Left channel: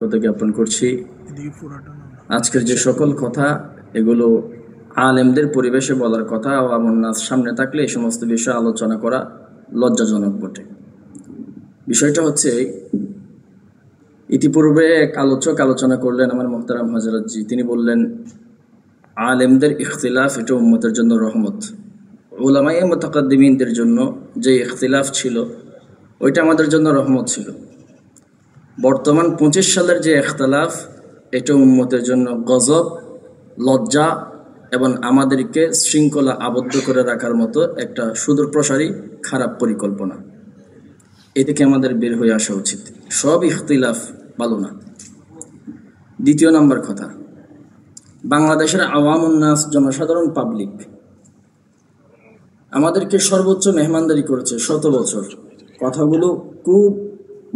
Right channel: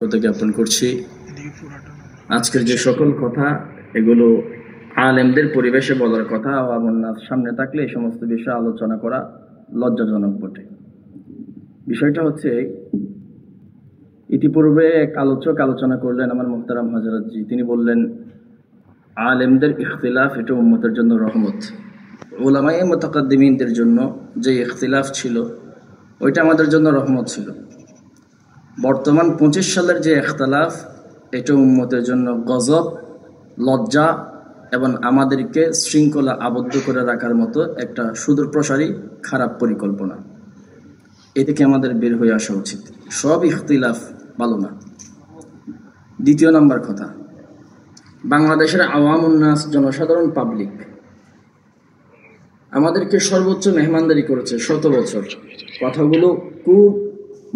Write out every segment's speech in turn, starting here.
জ্ঞাপন করছি। আজকের যে সকল কথা এগুলো আলেমদের পরিবেশে বলার কথা, আওয়ামুন নাস সামনে থাকলে এই সমস্ত বিষয়ে আলোচনা করা লজ্জাজনক বটে। বিষয়টা হচ্ছে, ইতিপূর্বে এক আলোচক আলোচনা করলেন, আমার মোহতারাম হযরতজি। তিনি বললেন, আলেমদের ইখতিলাফ এটা উম্মতের জন্য রহমত। উলামায়ে মুতাকাদ্দিমিনদের জন্য যে ইখতিলাফ ছিল ওইটা আমাদের জন্য রহমত ছিল। বর্তমান 25 সালের যে ইখতিলাফ এটা উম্মতের জন্য গজব, লজ্জা এবং আমাদেরকে শৃঙ্খলা আবদ্ধ করে রাখার মতো একটা সুদূরপ্রসারী খারাপ পরিকল্পনা। এ থেকে আমাদের বের হয়ে আসা উচিত। সব ইখতিলাফ ভালো না। দ্বিতীয় নম্বর কথা, বাংলাদেশের আওয়ামুন নাস, জনসাধারণ, পাবলিক আমাদেরকে সর্বোচ্চ মেহমানদারি করেছে 100 বছর। কথাগুলো খুব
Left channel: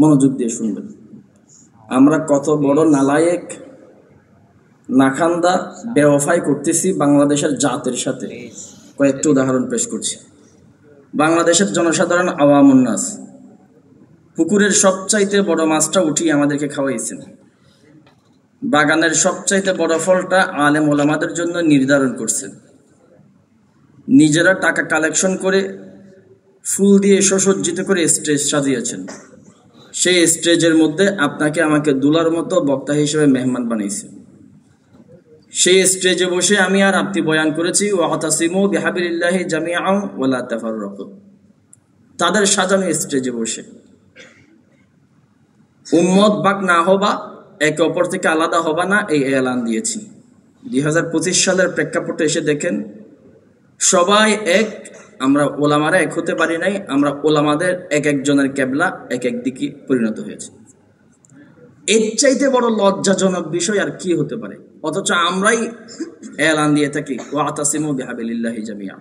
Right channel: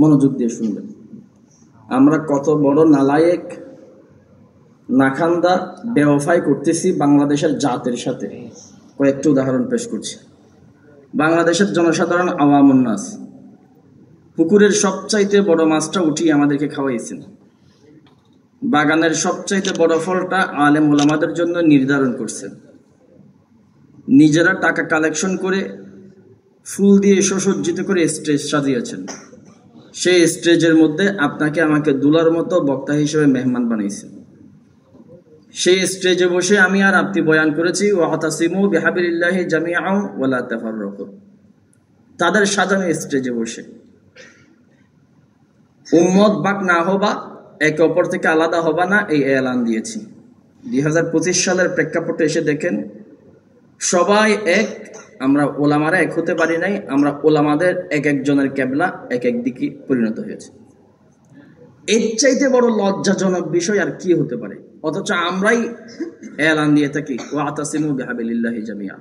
মনোযোগ দিয়ে শুনবেন। আমরা কত বড় নালায়েক, নাখান্দা, বেওফাই করতেছি বাংলাদেশের জাতের সাথে। কয়েকটি উদাহরণ পেশ করছি। বাংলাদেশের জনসাধারণ আওয়ামুন নাস পুকুরের সবচাইতে বড় মাছটা উঠিয়ে আমাদেরকে খাওয়াইছেন। বাগানের সবচাইতে বড় ফলটা আলেম ওলামাদের জন্য নির্ধারণ করছেন। নিজেরা টাকা কালেকশন করে ফুল দিয়ে সুসজ্জিত করে স্টেজ সাজিয়েছেন। সেই স্টেজের মধ্যে আপনাকে আমাকে দুলার মতো বক্তা হিসেবে মেহমান বানাইছে। সেই স্টেজে বসে আমি আর আপনি বয়ান করেছি, ওয়াতাসিমু বিহাবিলিল্লাহি জামিআন ওয়া লা তাফাররাকু। তাদের সাজানো স্টেজে বসে উম্মত বাক না হবা, একে অপর থেকে আলাদা হবা না, এই এলান দিয়েছি। 2025 সালের প্রেক্ষাপটে এসে দেখেন, সবাই এক। আমরা ওলামারা এক হতে পারি নাই। আমরা ওলামাদের এক একজনের কেবলা এক এক দিকে পরিণত হয়েছে। এর চাইতে বড় লজ্জাজনক বিষয় আর কি হতে পারে? অথচ আমরাই এলান দিয়ে থাকি, ওয়াতাসিমু বিহাবিলিল্লাহি জামিআন।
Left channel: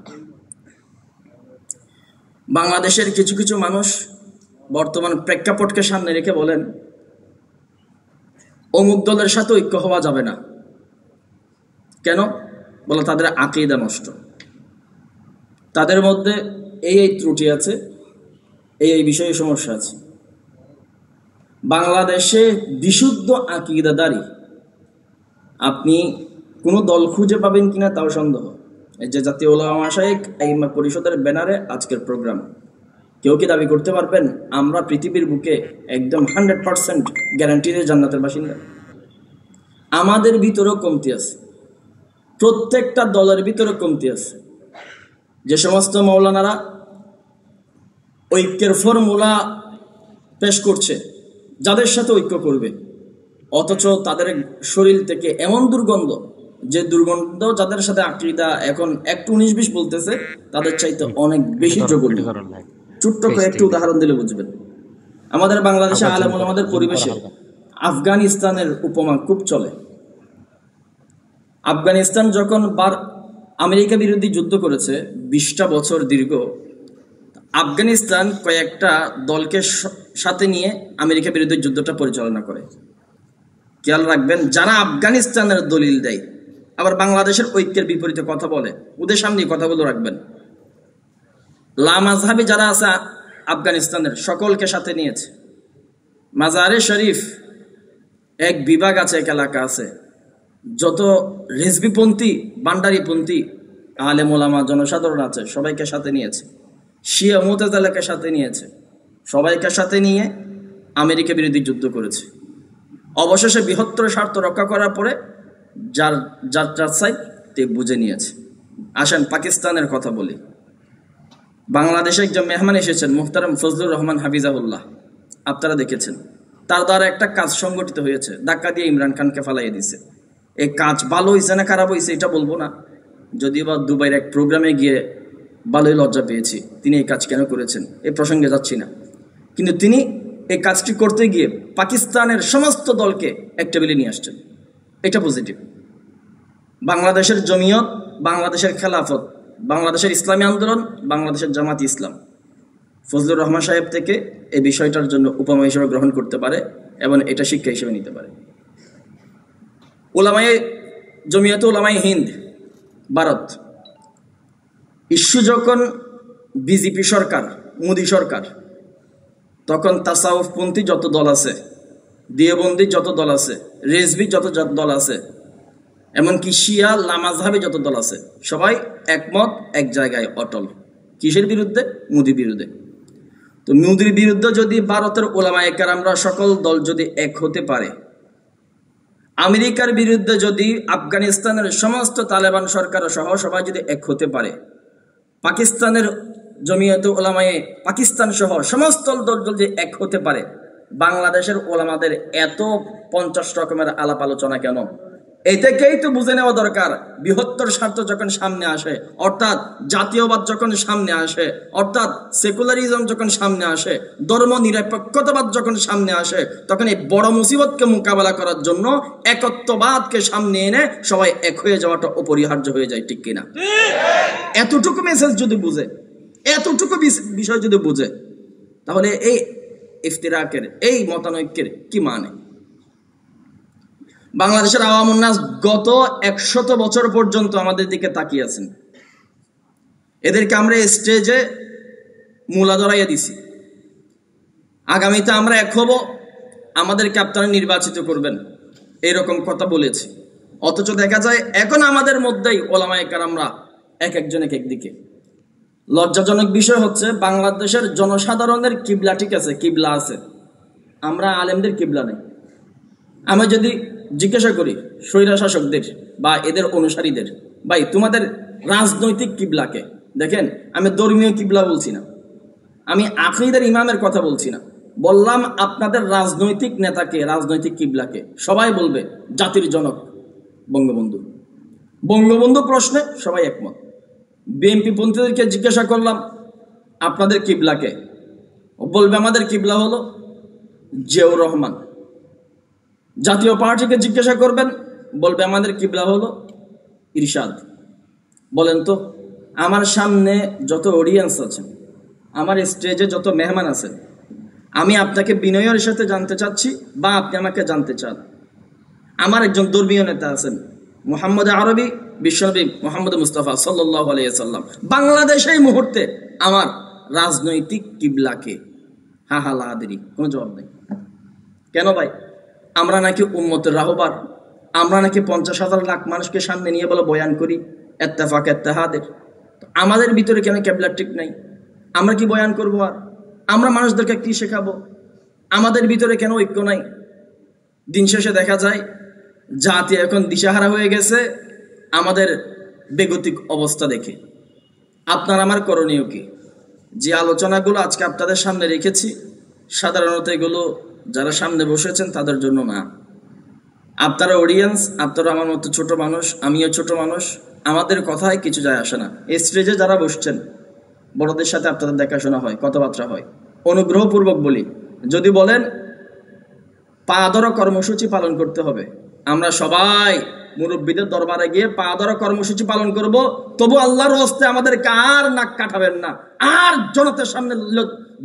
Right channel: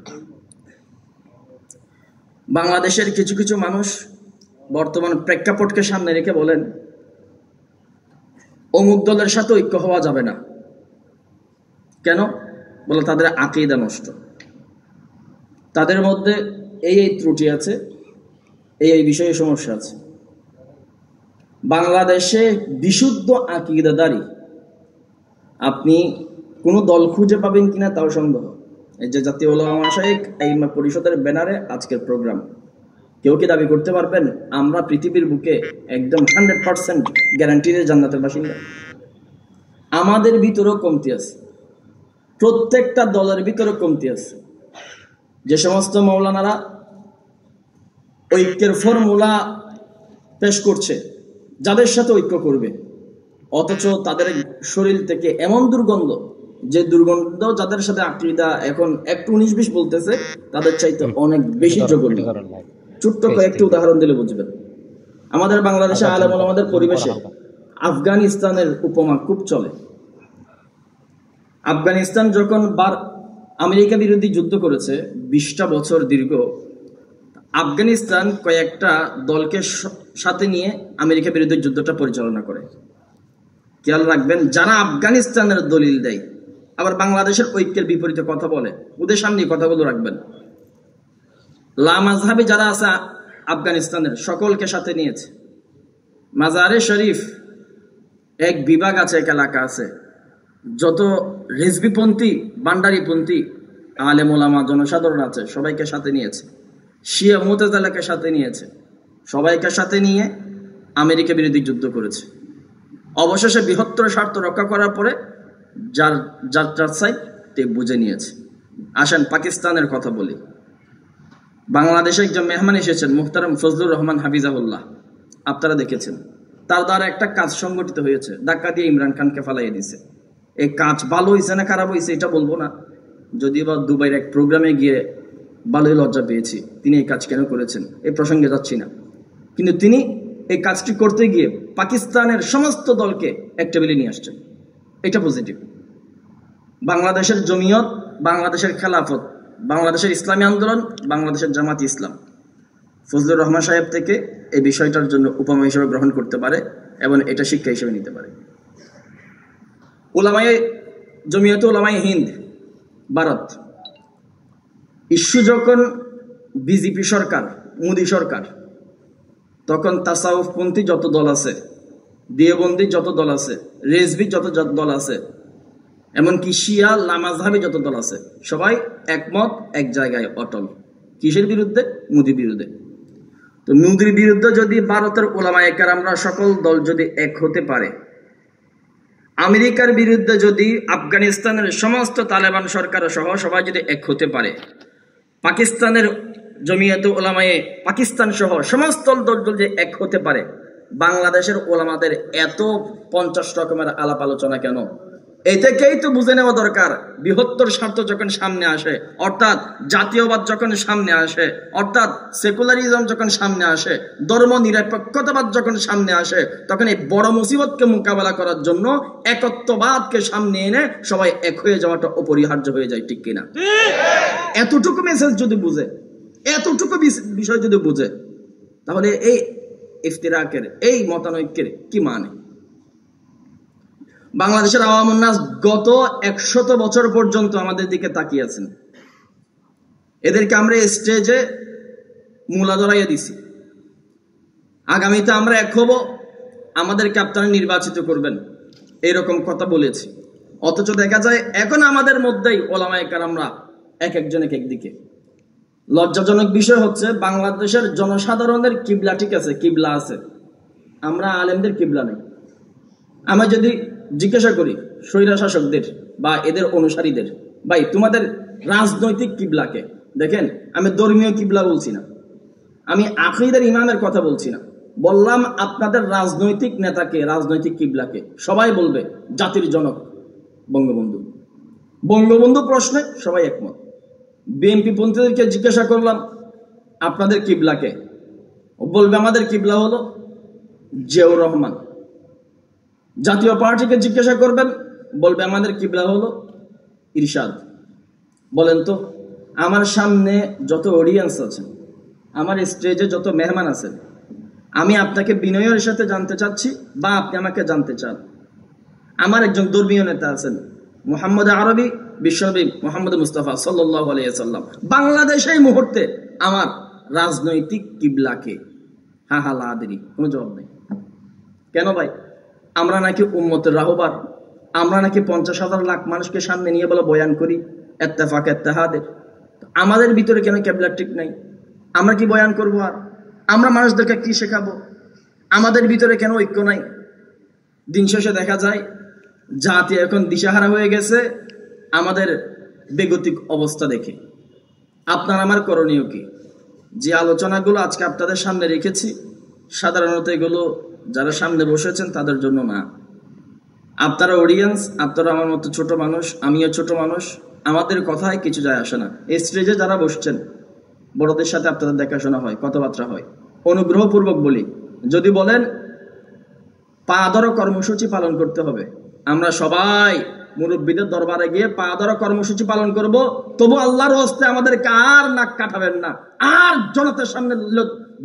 বাংলাদেশের কিছু কিছু মানুষ বর্তমান প্রেক্ষাপটকে সামনে রেখে বলেন, অমুক দলের সাথে ঐক্য হওয়া যাবে না। কেন? বলে তাদের আকীদা নষ্ট, তাদের মধ্যে এই ত্রুটি আছে, এই বিষয়ে সমস্যা আছে। বাংলাদেশে বিশুদ্ধ আকীদাদারী আপনি কোনো দল খুঁজে পাবেন কিনা তাও সন্দেহ। এই যে জাতীয় উলামা মাশায়েখ আইম্মা পরিষদের ব্যানারে আজকের প্রোগ্রাম, কেউ কি দাবি করতে পারবেন আমরা পৃথিবীর বুকে একদম 100% গ্যারান্টিতে জান্নাতের বাসিন্দা? আমাদের ভিতরেও কমতি আছে, প্রত্যেকটা দলের ভিতরে কমতি আছে। যে সমস্ত মাওলানারা ঐক্যের ফর্মুলা পেশ করছে, যাদের সাথে ঐক্য করবে, অথচ তাদের শরীর থেকে এমন দুর্গন্ধ, যে দুর্গন্ধ যাদের সাথে আকীদা এখন একটু 19-20 বলতেছে, তাদের চাইতে অনেক বেশি জঘন্য। ছোট্ট কয়েকটি উদাহরণ দিলে বুঝবেন। আমাদের বাংলাদেশে আলেম ওলামাদের পরিবেশে আফগানিস্তানের উপমা খুব চলে। আফগানিস্তান যখন আমেরিকা বিরোধী যুদ্ধ করেছে 20টা বছর দীর্ঘ, আফগানিস্তান কয়েকটা দলকে সাথে নিয়ে আমেরিকা বিরোধী যুদ্ধটা পরিচালনা করে। খেয়াল রাখবেন, যারা আফগানিস্তানের দলিল দেয় আবার বাংলাদেশের ঐক্যের বিপরীতে কথা বলে, ওদের সামনে কথাগুলো রাখবেন। লামাজহাবি যারা আছে আফগানিস্তানের, সকলকে সাথে নিয়েছে। মাজারে শরীফ এক বিভাগ আছে, এক এলাকা আছে, যত রিজভিপন্থী, বান্ডারিপন্থী আলেম ওলামা জনসাধারণ আছে সবাইকে সাথে নিয়েছে। শিয়া মুতাজিলাকে সাথে নিয়েছে। সবাইকে সাথে নিয়ে আমেরিকা বিরোধী যুদ্ধ করেছে। অবশেষে বৃহত্তর স্বার্থ রক্ষা করার পরে যার সাইড তে বুঝে নিয়েছে। আসেন পাকিস্তানের কথা বলি। বাংলাদেশে একজন মেহমান এসেছেন, মুহতারাম ফজলুর রহমান হাফিজাহুল্লাহ, আপনারা দেখেছেন। তার দ্বারা একটা কাজ সংগঠিত হয়েছে, ধাক্কা দিয়ে ইমরান খানকে ফালাই দিয়েছে। এই কাজ ভালো হয়েছে না খারাপ হয়েছে এটা বলবো না, যদিও বা দুবাইয়ের এক প্রোগ্রামে গিয়ে ভালোই লজ্জা পেয়েছি। তিনি এই কাজ কেন করেছেন এই প্রসঙ্গে যাচ্ছি না, কিন্তু তিনি এই কাজটি করতে গিয়ে পাকিস্তানের সমস্ত দলকে এক টেবিলে নিয়ে আসছেন। এটা পজিটিভ। বাংলাদেশের জমিয়ত, বাংলাদেশের খেলাফত, বাংলাদেশের ইসলামী আন্দোলন, বাংলাদেশের জামাতি ইসলাম ফজলুর রহমান সাহেব থেকে এই বিষয়টার জন্য উপমা হিসেবে গ্রহণ করতে পারে এবং এটা শিক্ষা হিসেবে নিতে পারে। উলামায়ে জমিয়ত উলামায়ে হিন্দ ভারত ইস্যু যখন বিজেপি সরকার, মোদী সরকার, তখন তাসাউফপন্থী যত দল আছে দেওবন্দি যত দল আছে, রেজভি যত দল আছে, এমনকি শিয়া লামাজহাবি যত দল আছে, সবাই একমত, এক জায়গায় অটল। কিসের বিরুদ্ধে? মোদির বিরুদ্ধে। তো মোদির বিরুদ্ধে যদি ভারতের ওলামায়ে কেরামরা সকল দল যদি এক হতে পারে, আমেরিকার বিরুদ্ধে যদি আফগানিস্তানের সমস্ত তালেবান সরকার সহ সবাই যদি এক হতে পারে, পাকিস্তানের জমিয়তে ওলামায়ে পাকিস্তান সহ সমস্ত দল যদি এক হতে পারে, বাংলাদেশের ওলামাদের এত 50 রকমের আলাপ আলোচনা কেন? এটাকেই তো বুঝে নেওয়া দরকার। বৃহত্তর স্বার্থ যখন সামনে আসে, অর্থাৎ জাতীয়বাদ যখন সামনে আসে, অর্থাৎ সেকুলারিজম যখন সামনে আসে, ধর্ম নিরপেক্ষতাবাদ যখন সামনে আসে, তখন এই বড় মুসিবতকে মোকাবেলা করার জন্য একত্ববাদকে সামনে এনে সবাই এক হয়ে যাওয়াটা অপরিহার্য হয়ে যায়, ঠিক কিনা? এতটুকু মেসেজ যদি বুঝে, এতটুকু বিষয় যদি বুঝে, তাহলে এই ইফতিরাকের, এই মতানৈক্যের কি মানে? বাংলাদেশের আওয়ামুন নাস গত 100 বছর পর্যন্ত আমাদের দিকে তাকিয়ে আছেন। এদেরকে আমরা স্টেজে মূলা ধরাইয়া দিছি, আগামীতে আমরা এক হব, আমাদেরকে আপনারা নির্বাচিত করবেন, এরকম কথা বলেছি। অথচ দেখা যায় এখন আমাদের মধ্যেই ওলামায়ে কেরামরা এক একজন এক একদিকে। লজ্জাজনক বিষয় হচ্ছে, বাংলাদেশের জনসাধারণের কিবলা ঠিক আছে, কিবলা আছে, আমরা আলেমদের কিবলা নেই। আমরা যদি জিজ্ঞাসা করি স্বৈরা শাসকদের বা এদের অনুসারীদের, ভাই তোমাদের রাজনৈতিক কিবলাকে দেখেন, আমি ধর্মীয় কিবলা বলছি না, আমি আকীদার ইমামের কথা বলছি না, বললাম আপনাদের রাজনৈতিক নেতাকে, রাজনৈতিক কিবলাকে। সবাই বলবে জাতির জনক বঙ্গবন্ধু। বঙ্গবন্ধু প্রশ্নে সবাই একমত। বিএনপি পন্থীদেরকে জিজ্ঞাসা করলাম আপনাদের কিবলাকে, বলবে আমাদের কিবলা হলো জিয়াউর রহমান। জাতীয় পার্টিকে জিজ্ঞাসা করবেন, বলবে আমাদের কিবলা হলো ইরশাদ। বলেন তো, আমার সামনে যত অডিয়েন্স আছে, আমার স্টেজে যত মেহমান আছে, আমি আপনাকে বিনয়ের সাথে জানতে চাচ্ছি বা আপনি আমাকে জানতে চান, আমার একজন ধর্মীয় নেতা আছেন মুহাম্মদ আরবি, বিশ্বনবী মুহাম্মদ মুস্তাফা সাল্লাল্লাহু আলাইহি সাল্লাম, বাংলাদেশে এই মুহূর্তে আমার রাজনৈতিক কিবলাকে? হা হা লা আদরি, কোনো জবাব নেই। কেন ভাই? আমরা নাকি উম্মতের রাহবার, আমরা নাকি 50,000 লাখ মানুষকে সামনে নিয়ে বলে বয়ান করি ইত্তেফাক ইত্তেহাদের। আমাদের ভিতরে কেন কিবলা ঠিক নাই? আমরা কি বয়ান করবো? আর আমরা মানুষদেরকে কি শেখাবো? আমাদের ভিতরে কেন ঐক্য নাই? দিন শেষে দেখা যায় জাতি এখন দিশাহারা হয়ে গেছে আমাদের বেগতিক অবস্থা দেখে। আপনার আমার করণীয় কি? যে আলোচনাগুলো আজকে আপনাদের সামনে রেখেছি, সাধারণত এগুলো যারা সামনে বসেছেন তাদের জন্য না। আপনারা অডিয়েন্স, আপনারা আমার মতো ছোট মানুষ, আমিও ছোট মানুষ, আমাদের কথায় কিছু যায় আসে না। এই স্টেজে যারা বসছেন, বড়দের সাথে আপনাদের দেখাশোনা হয়, কথাবার্তা হয়। অনুগ্রহপূর্বক বলি, যদি বলেন পা ধরা কর্মসূচি পালন করতে হবে, আমরা সবাই মুরব্বীদের দরবারে গিয়ে পা ধরা কর্মসূচি পালন করব, তবু আল্লাহর হস্তে আমাদেরকে আর নাক কাটাবেন না, আর জনতার সামনে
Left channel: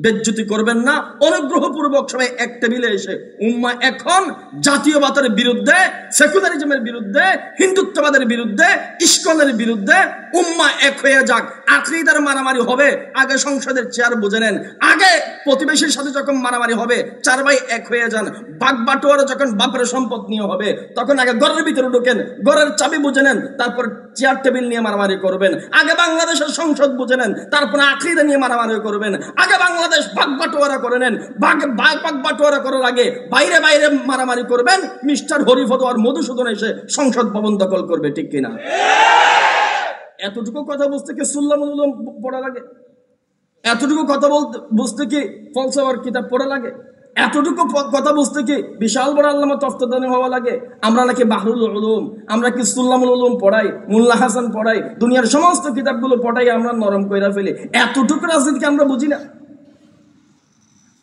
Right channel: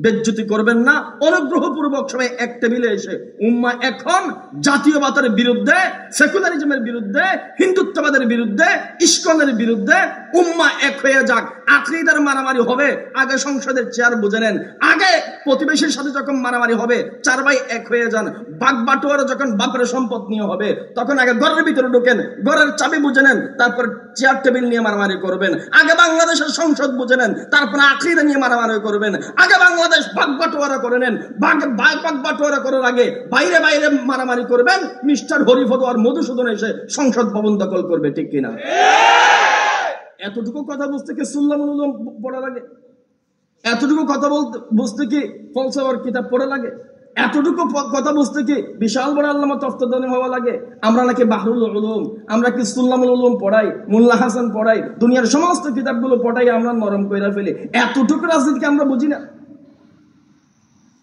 বেজ্জতি করবেন না। অনুগ্রহপূর্বক সবাই এক টেবিলে এসে উম্মাহ এখন জাতীয়বাদের বিরুদ্ধে, সেকুলারিজমের বিরুদ্ধে, হিন্দুত্ববাদের বিরুদ্ধে, ইস্কনের বিরুদ্ধে উম্মাহ এক হয়ে যাক। আকীদার মারামারি হবে, আগে সংসদের চেয়ার বুঝে নেন। আগে প্রতিবেশীর সাথে যখন মারামারি হবে, 4 ভাই এক হয়ে যান। বাগবাটোয়ারা যখন বাপের সম্পদ নিয়ে হবে, তখন আগে ঘরের ভিতরে ঢোকেন, ঘরের চাবি বুঝে নেন, তারপর চেয়ার টেবিল নিয়ে মারামারি করবেন। আগে বাংলাদেশের সংসদ বুঝে নেন, তারপর আকীদা নিয়ে মারামারি করবেন। আগে বাংলাদেশ বাগবাটোয়ারা করে নেন, বাগবাটোয়ারা করার আগে বাইরে বাইরে মারামারি করবেন। মিস্টার হরিফদ আর মধুসূদন এসে সংসদ ভবন দখল করবে, ঠিক কিনা? এতটুকু কথা বুঝতে কি সুল্লামুল্লাম পড়া লাগে? এতটুকু কথা বুঝতে কি ফলসফার কিতাব পড়া লাগে? এতটুকু কথা বুঝতে কি বিশাল বড় আল্লামা তফতাদানি হওয়া লাগে? আমরা নাকি বাহরুল উলুম, আমরা কি সুল্লামুল উলুম পড়াই, মোল্লা হাসান পড়াই, দুনিয়ার সমস্ত কিতাবগুলো পড়াই আমরা নরম কইরা ফেলি। এতটুকু রাজনীতিকে আমরা বুঝি না?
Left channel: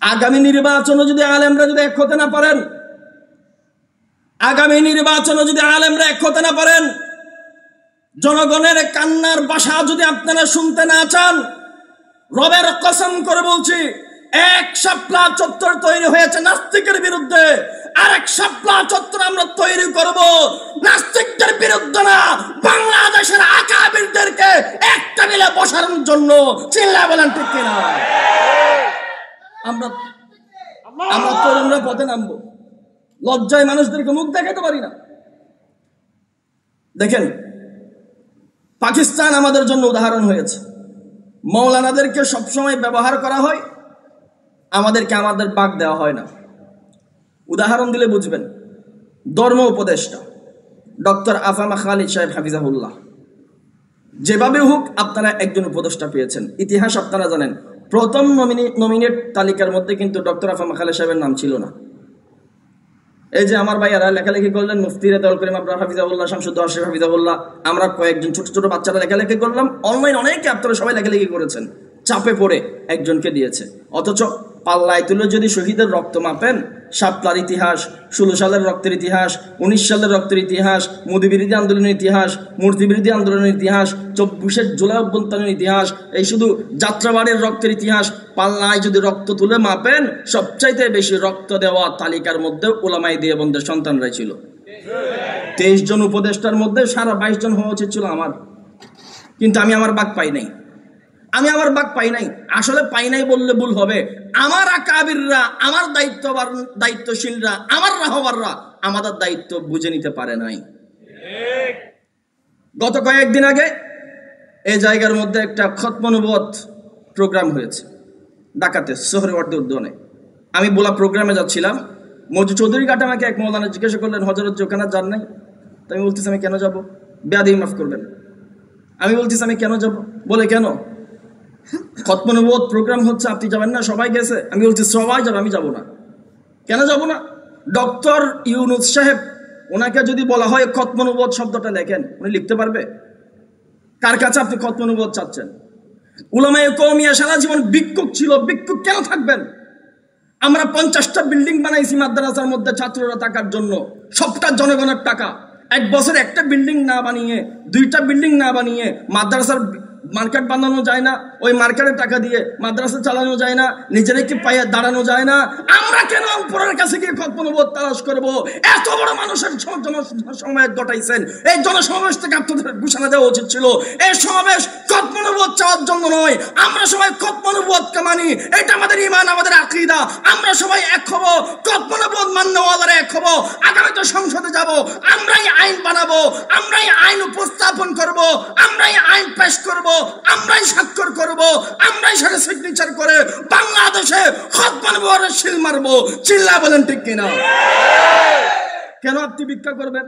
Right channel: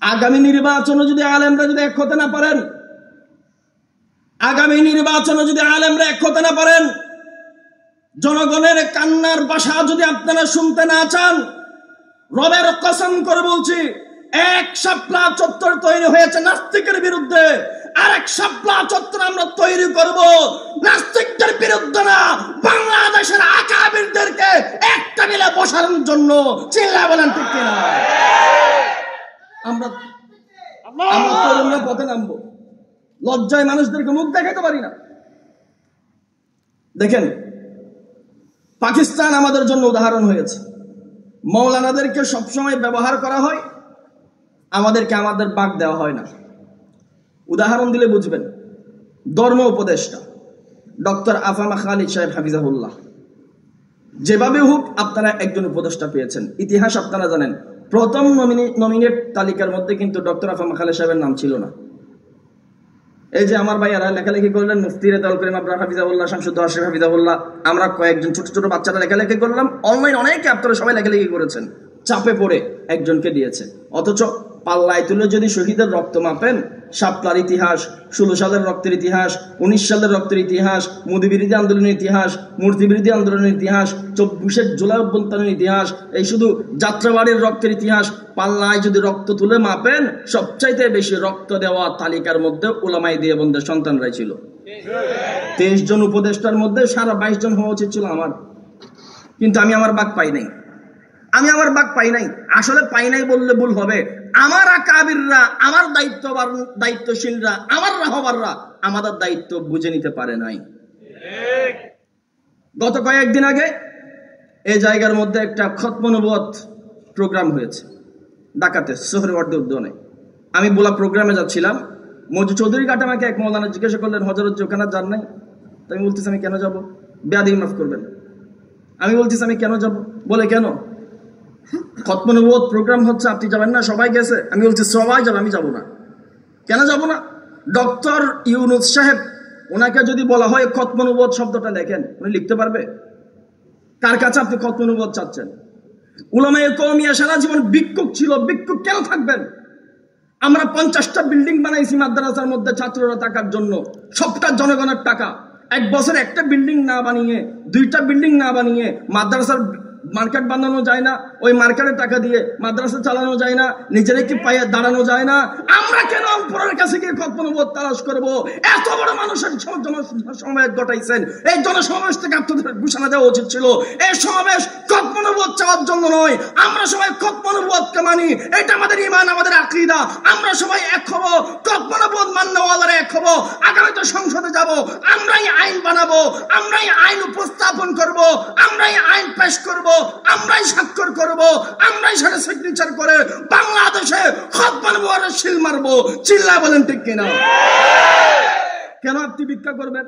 আগামী নির্বাচনে যদি আলেমরা যদি এক হতে না পারেন, আগামী নির্বাচনে যদি আলেমরা এক হতে না পারেন, জনগণের কান্নার ভাষা যদি আপনারা শুনতে না চান, রবের কসম করে বলছি, এক শাপলা চত্বর তৈরি হয়েছে নাস্তিকের বিরুদ্ধে, আর এক শাপলা চত্বর আমরা তৈরি করব নাস্তিকদের বিরুদ্ধে না, বাংলাদেশের আকাবিরদেরকে একটা মিলে বসানোর জন্য। চিল্লায় বলেন ঠিক কিনা? আমরা তরুণরা পথে নামবো, লজ্জায় মানুষদেরকে মুখ দেখাতে পারি না। দেখেন, পাকিস্তান আমাদের জন্য উদাহরণ হয়েছে। মৌলানাদেরকে সবসময় ব্যবহার করা হয়, আমাদেরকে আমাদের বাক দেওয়া হয় না। উদাহরণ দিলে বুঝবেন। ধর্ম উপদেষ্টা ডক্টর আফামা খালিদ সাহেব হাফিজাহুল্লাহ, যেভাবে হোক আপনারা একজন উপদেষ্টা পেয়েছেন। ইতিহাস আপনারা জানেন, প্রথম নমিনেট তালিকার মধ্যে কিন্তু ডক্টর আফামা খালিদ সাহেবের নাম ছিল না। এই যে আমার ভাইয়ারা লেখালেখি করলেন, মুফতি রেজাউল করিম আবরার হাফিজাহুল্লাহ, শামসুদ্দৌলা আশরাফ হাফিজাহুল্লাহ, আমরা কয়েকজন ছোট ছোট বাচ্চারা লেখালেখি করলাম, অনলাইন অনেকে আপনারা সবাই লেখালেখি করেছেন, চাপে পড়ে একজনকে দিয়েছে। অথচ পাল্লায় তুলে যদি শহীদের রক্ত মাপেন, শাপলার ইতিহাস, 16 সালের রক্তের ইতিহাস, 19 সালের রক্তের ইতিহাস, মোদী বিরোধী আন্দোলনের ইতিহাস, মূর্তি বিরোধী আন্দোলনের ইতিহাস, 24 জুলাই অভ্যন্তরীণ ইতিহাস, এই শুধু যাত্রাবাড়ির রক্তের ইতিহাস, পাল্লায় যদি রক্ত তুলে মাপেন, সবচাইতে বেশি রক্ত দেওয়া তালিকার মধ্যে উলামায়ে দেওবন্দের সন্তানরাই ছিল। 23 জন উপদেষ্টার মধ্যে 22 জন হওয়া উচিত ছিল আমার, কিন্তু আমি আমার বাক পাই নাই। আমি আমার বাক পাই নাই, আসলে পাই নাই বললে ভুল হবে। আমার আকাবিররা, আমার দায়িত্বশীলরা, আমার রাহবাররা আমাদের দায়িত্ব বুঝে নিতে পারে নাই। গত কয়েকদিন আগে এই জায়গার মধ্যে একটা খতম নবুয়ত প্রোগ্রাম হয়েছে ঢাকাতে, সোহরাওয়ার্দী উদ্যানে। আমি বলা প্রোগ্রামে যাচ্ছিলাম, মজু চৌধুরী ঘাট আমাকে এক মৌলানা জিজ্ঞাসা করলেন, হযরত ওখানে যান নাই? তো আমি বলতেছি আমি কেন যাব? বেয়াদবি মাফ করবেন। আমি বলতেছি আমি কেন যাব? বলে কেন? খতম নবুয়ত প্রোগ্রাম হচ্ছে, আপনি যাবেন না? সবাই গেছে। আমি বলছি সবাই যাবে, আমি যাব না। কেন যাব না? ডক্টর ইউনুস সাহেব, ওনাকে যদি বলা হয় খতম নবুয়ত শব্দটা লেখেন, উনি লিখতে পারবে? কার কাছে আপনি খতম নবুয়ত চাচ্ছেন? উলামায়ে কওমিয়া সারা জীবন ভিক্ষুক ছিল, ভিক্ষুক কেন থাকবেন? আমরা 50টা বিল্ডিং বানাইছি মাদ্রাসার মধ্যে ছাত্ররা থাকার জন্য, সবটা জনগণের টাকা। এক বছর একটা বিল্ডিং না বানিয়ে, 2টা বিল্ডিং না বানিয়ে মাদ্রাসার মার্কেট বানানো যায় না? ওই মার্কেটের টাকা দিয়ে মাদ্রাসা চালানো যায় না? নিজেরা কি পায়ে দাঁড়ানো যায় না? আমরা কেন উপরের কাছে গিয়ে খতম নবুয়ত তালাশ করবো? এত বড় মানুষের জনসমাবেশ ঘটাইছেন, এই জনসমাবেশ থেকে আপনাদের ঘোষণা দেওয়া উচিত ছিল এই সমাবেশ খতম নবুয়ত চাওয়ার জন্য নয়। আমরা সবাই খতম নবুয়তকে মানি, এটা আমাদের ঈমান, আমাদের আকীদা। আমরা সবাই এক হব, খতম নবুয়ত মান্যওয়ালারা এক হব। আগামীতে সংসদে যাব, আমরাই আইন বানাবো, আমরাই আইন উপস্থাপন করব, আমরাই আইন পেশ করব, আমরাই স্বাক্ষর করব, আমরাই সাথে সিগনেচার করে বাংলাদেশে খতম নবুয়তের সিল মারবো। চিল্লায় বলেন ঠিক কিনা? কেন আপনি ভিক্ষা করবেন?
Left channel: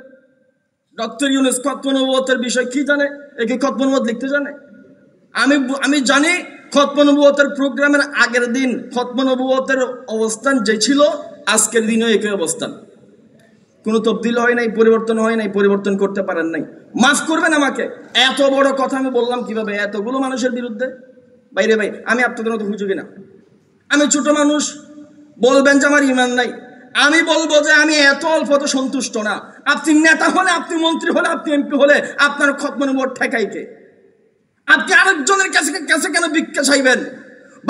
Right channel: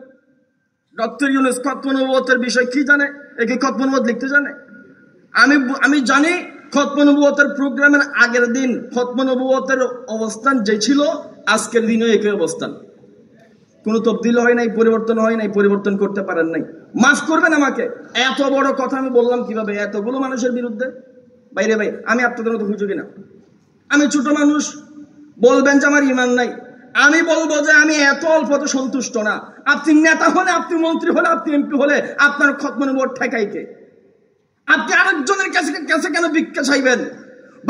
ডক্টর ইউনুস খতম নবুয়তের বিষয় কি জানে? একে খতম নবুয়ত লিখতে জানে? আমি জানি খতম নবুয়তের প্রোগ্রামের আগের দিন খতম নবুয়তের অবস্থান যে ছিল, আজকের দিনেও একই অবস্থান। কোনো তবদিল হয় নাই, পরিবর্তন হয় নাই, পরিবর্তন করতে পারেন নাই। মাফ করবেন আমাকে, এত বড় কথা আমি বললাম কিভাবে এতগুলো মানুষের বিরুদ্ধে? বাইরে ভাই, আমি আপনাদের মতো হুজুরি না, আমি ছোট মানুষ। বলবেন যে আমার ঈমান নাই, আমি বলবো যে আমি এত অল্পতে সন্তুষ্ট না। আপনি নেতা হলে, আপনি মন্ত্রী হলে, আপনি এমপি হলে আপনার খতম নবুয়ত ঠেকাইতে আপনি আরেকজনের কাছে কেন ভিক্ষা চাইবেন?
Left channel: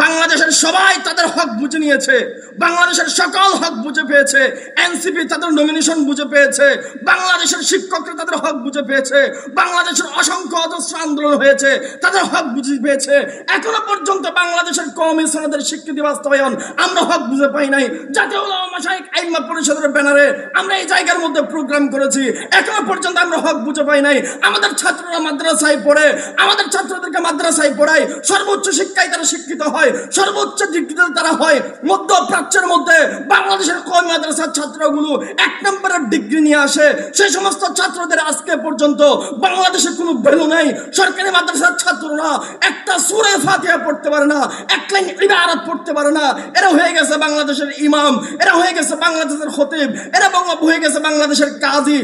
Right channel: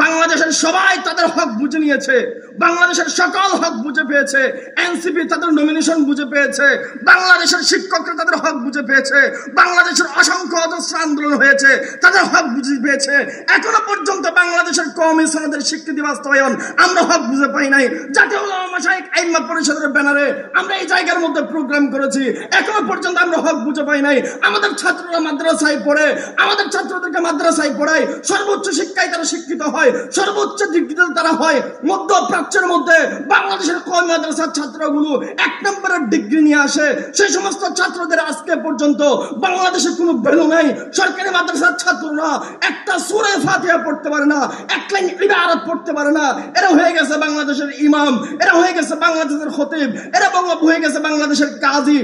বাংলাদেশের সবাই তাদের হক বুঝে নিয়েছে, বাংলাদেশের সকল হক বুঝে পেয়েছে, এনসিপি তাদের নমিনেশন বুঝে পেয়েছে, বাংলাদেশের শিক্ষকরা তাদের হক বুঝে পেয়েছে, বাংলাদেশের অসংখ্য অজস্র আন্দোলন হয়েছে, তাদের হক বুঝে পেয়েছে। এখনো পর্যন্ত বাংলাদেশের কওমি সনদের স্বীকৃতি বাস্তবায়ন আমরা হক বুঝে পাই নাই। জাতীয় উলামা মাশায়েখ আইম্মা পরিষদের ব্যানারে আমরা এই জায়গার মধ্যে প্রোগ্রাম করেছি, এখনো পর্যন্ত আমরা হক বুঝে পাই নাই। আমাদের ছাত্ররা মাদ্রাসায় পড়ে, আমাদের ছাত্রদেরকে মাদ্রাসায় পড়ায়, সর্বোচ্চ শিক্ষায় তারা শিক্ষিত হয়, সর্বোচ্চ ডিগ্রিতে তারা হয়। মধ্যপ্রাচ্যের মধ্যে বাংলাদেশের কওমি মাদ্রাসার ছাত্রগুলো 1 নম্বরের ডিগ্রি নিয়ে আসে। সেই সমস্ত ছাত্রদের আজকে পর্যন্ত বাংলাদেশে কোনো ভ্যালু নাই। সরকারি মাদ্রাসার ছাত্ররা একটা সূরা ফাতিহা পড়তে পারে না, এক লাইন ইবারত পড়তে পারে না। এরা হয়ে গেছে বাংলাদেশের ইমাম, এরা হয়ে গেছে বাংলাদেশের খতিব, এরা হয়ে গেছে বাংলাদেশের কাজী।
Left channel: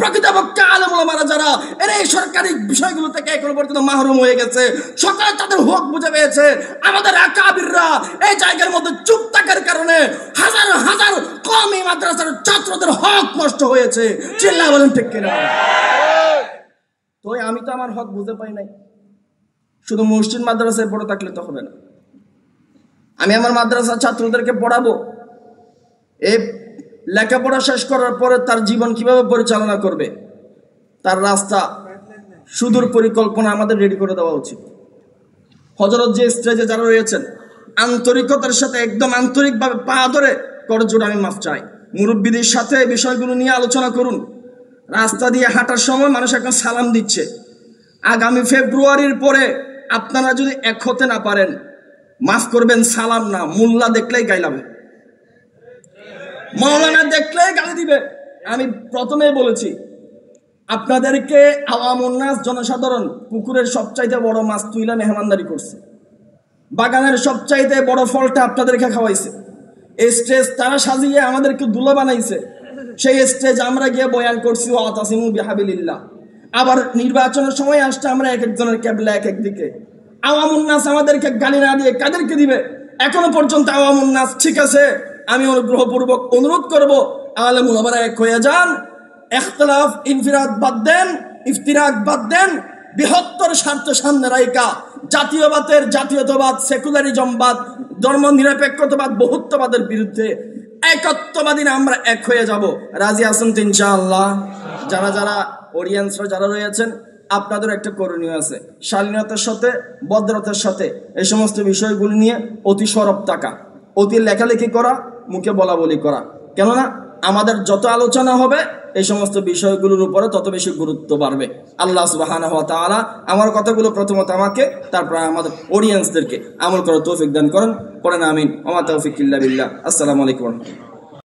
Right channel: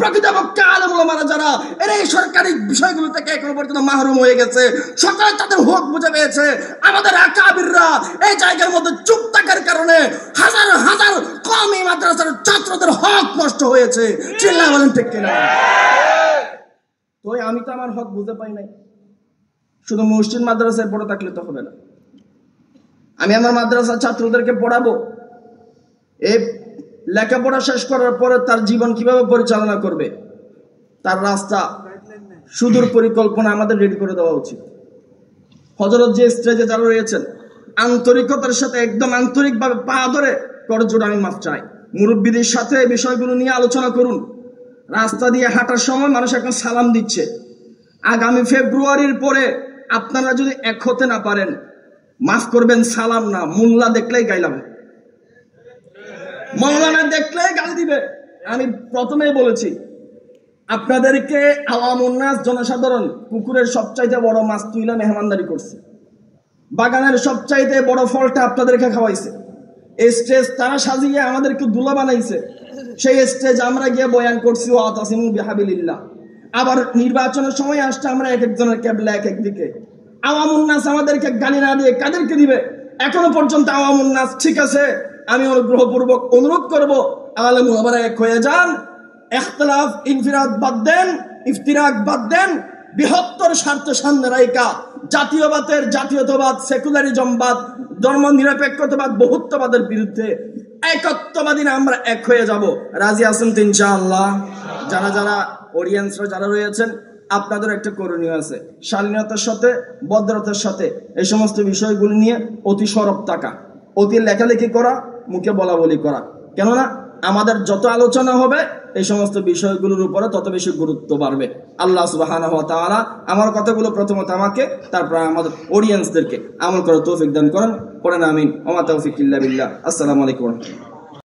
প্রকৃতপক্ষে আলেম ওলামারা যারা, এরা এই সরকারি বিষয়গুলো থেকে এখনো পর্যন্ত মাহরুম হয়ে গেছে। সরকার তাদের হক বুঝে পেয়েছে। আমাদের আকাবিররা এই জায়গার মধ্যে চুপ থাকার কারণে হাজার হাজার কওমি মাদ্রাসার ছাত্রদের হক নষ্ট হয়েছে। চিল্লায় বলেন ঠিক কিনা? তো আমি তো আমার হক বুঝে পাই নাই। শুধু মসজিদ মাদ্রাসায় পড়ে থাকলে তো হবে না। আমি আমার মাদ্রাসার ছাত্রদেরকে পড়াবো, এই লেখাপড়া শেষ করার পরে তার জীবন কিভাবে পরিচালনা করবে, তার রাস্তা, সুদূর পরিকল্পনা আমাদের রেডি করে দেওয়া উচিত। হযরত যে স্টেজে যারা রয়েছেন, আন্তরিকতার সাথে একদম আন্তরিকভাবে পা ধরে করজোড়ে আমি মাফ চাই। মুরব্বীদের সাথে এই বিষয়গুলো নিয়ে আলোচনা করুন। রাস্তা দিয়ে হাঁটার সময় মানুষ এখন সালাম দিচ্ছে। আগামী ফেব্রুয়ারির পরে আপনারা যদি এক হতে না পারেন, মাফ করবেন, সালাম না, মোল্লা দেখলেই গাইলাবে, মৌলানা দেখলেই গালি দিবে। আমি প্রথমেই বলেছি আপনাদেরকে আওয়ামুন নাস, জনসাধারণ পুকুরের সবচাইতে বড় মাছ তুইলা মেহমানদারি করছে, বাগানের সবচাইতে বড় ফলটা আপনাদেরকে খাওয়াইছে, স্টেজ তারা সাজিয়ে আমাদেরকে দুলা বানাইছে, সেই স্টেজ আমরা গিয়ে বয়ান করছি ওয়াতাসিমু বিহাবিলিল্লাহ। আবার নির্বাচনের সময় আসছে আমরা এক একজনের ক্যাবলা এক একদিকে। আওয়ামুন নাস আমাদেরকে গালি না দিয়ে কাদেরকে দিবে? এখনো পর্যন্ত আওয়ামুন নাস, ঠিক আছে, আমি অনুগ্রহপূর্বক অনুরোধ করব আলেম ওলামারা এক হয়ে যান, ইখতিলাফ ইনফিরাদ বাদ দেন, ইফতিরাক বাদ দেন, বৃহত্তর স্বার্থ সামনে রাইকা জাতীয়তাবাদ, সেকুলারিজমবাদ, ধর্ম নিরপেক্ষতাবাদ, বহুত্ববাদের বিরুদ্ধে একত্ববাদী না আমরা এক হয়ে যাব। রাজি আছেন তো ইনশাআল্লাহ? যারা যারা অডিয়েন্সরা যারা রয়েছেন, আপনাদের একটা করণীয় আছে, শালীনতার সাথে ভদ্রতার সাথে এই সমস্ত বিষয়গুলো নিয়ে অতি সরব থাকা, অতি লেখালেখি করা, মুখে বলা বলি করা। কেননা আমাদের যত আলোচনা হবে এই সমস্ত বিষয়গুলোর উপরে তত বেশি গুরুত্ব বাড়বে। আল্লাহ সুবহানাহু ওয়া তাআলা আমার কথাগুলো প্রথমত আমাকে, তারপর আমাদের অডিয়েন্সদেরকে আমল করার তৌফিক দান করেন। পড়েন আমিন। ওয়া মা তাওফিক ইল্লা বিল্লাহ। আসসালামু আলাইকুম।